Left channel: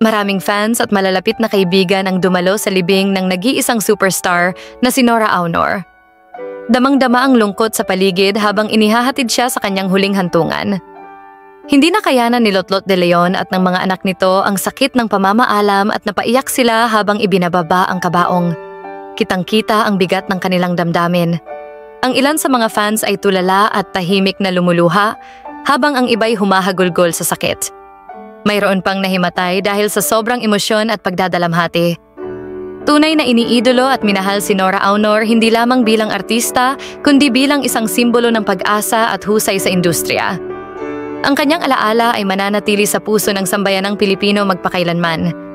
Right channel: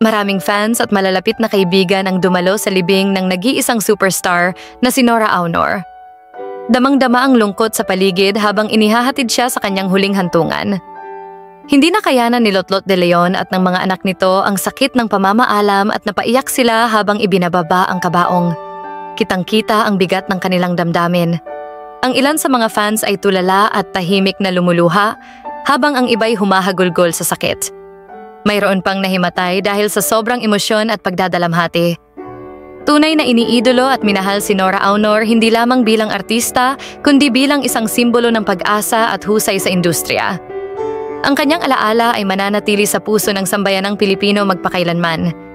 Maraming fans at malalapit na kaibigan ang dumalo sa libing ng nag-iisang superstar na si Nora Aunor. Damang-dama ang lungkot sa paligid habang inihahatid siya sa kanyang huling hantungan. Hindi na kayanan ni Lotlot de Leon at ng mga anak nito ang sakit ng pamamaalam at napaiyak sila habang ibinababa ang kabaong. Kitang-kita ang bigat ng kanilang damdamin. Ang ilan sa mga fans ay tulala at tahimik na lumuluha habang ang iba'y humahagulgol sa sakit. Mayroon pang nahimatay dahil sa sobrang emosyon at pagdadalamhati. Tunay na iniidolo at minahal si Nora Aunor hindi lamang bilang artista kundi bilang isang simbolo ng pag-asa at husay sa industriya. Ang kanyang alaala ay mananatili sa puso ng sambayanang Pilipino magpakailanman.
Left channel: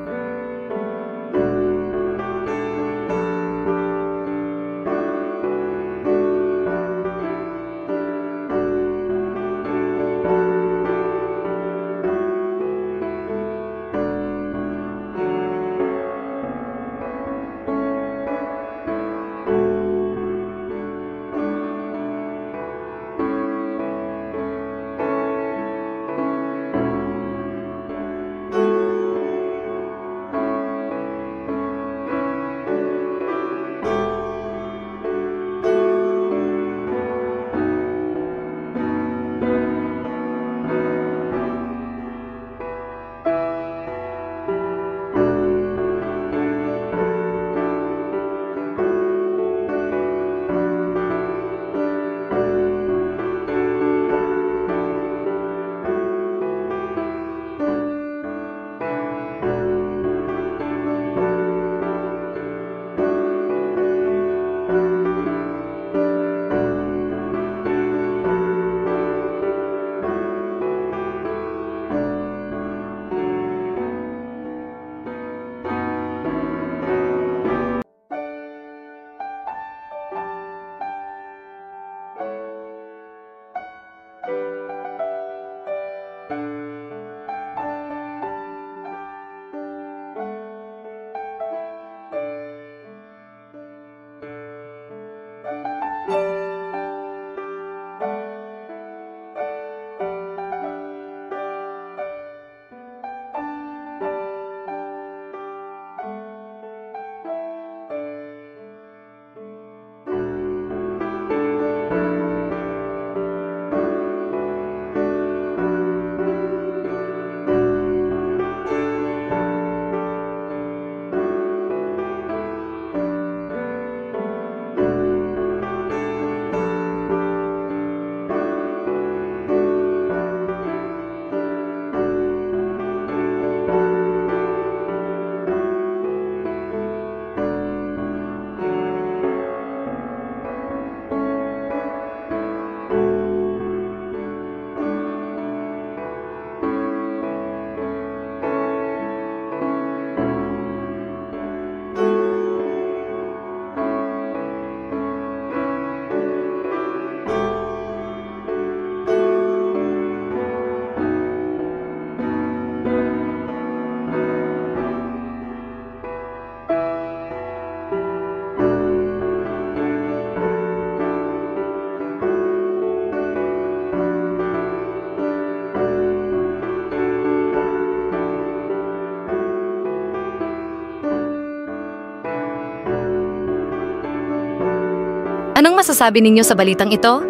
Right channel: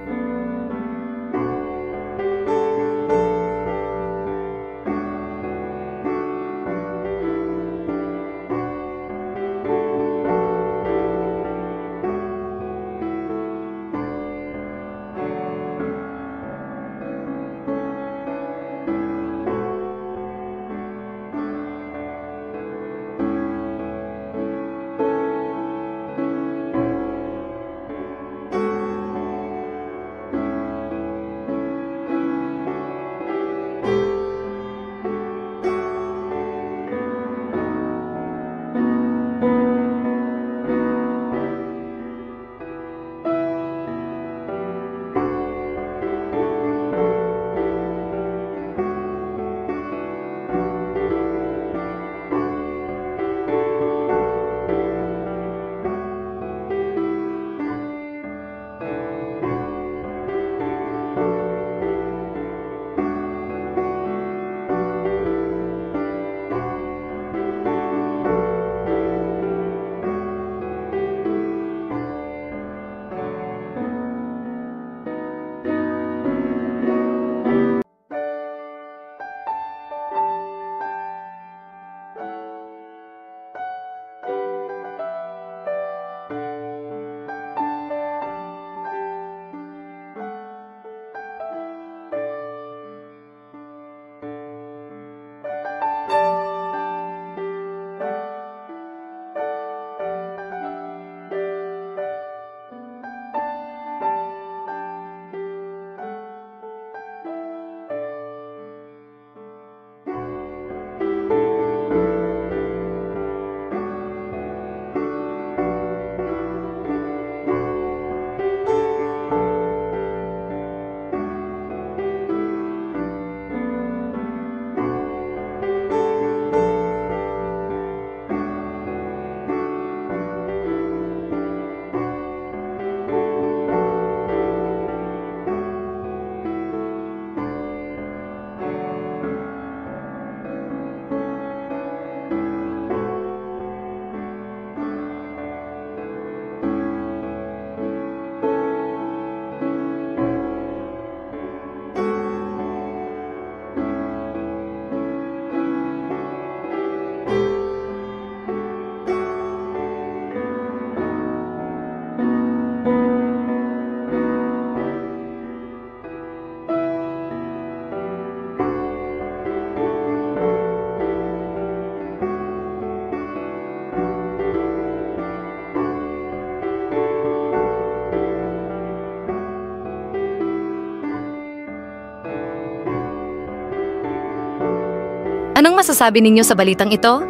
Anong masasabi ninyo sa balitang ito?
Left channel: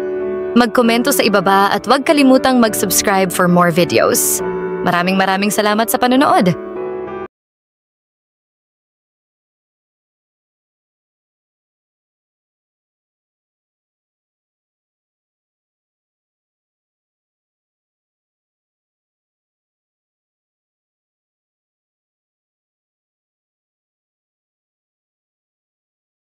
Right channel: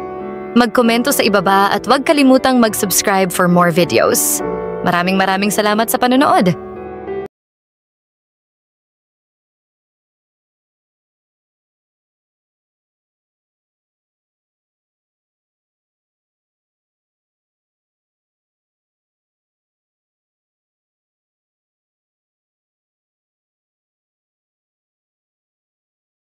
Magkomento sa ibaba at huwag kalimutang mag-subscribe for more videos. Maraming salamat sa panonood!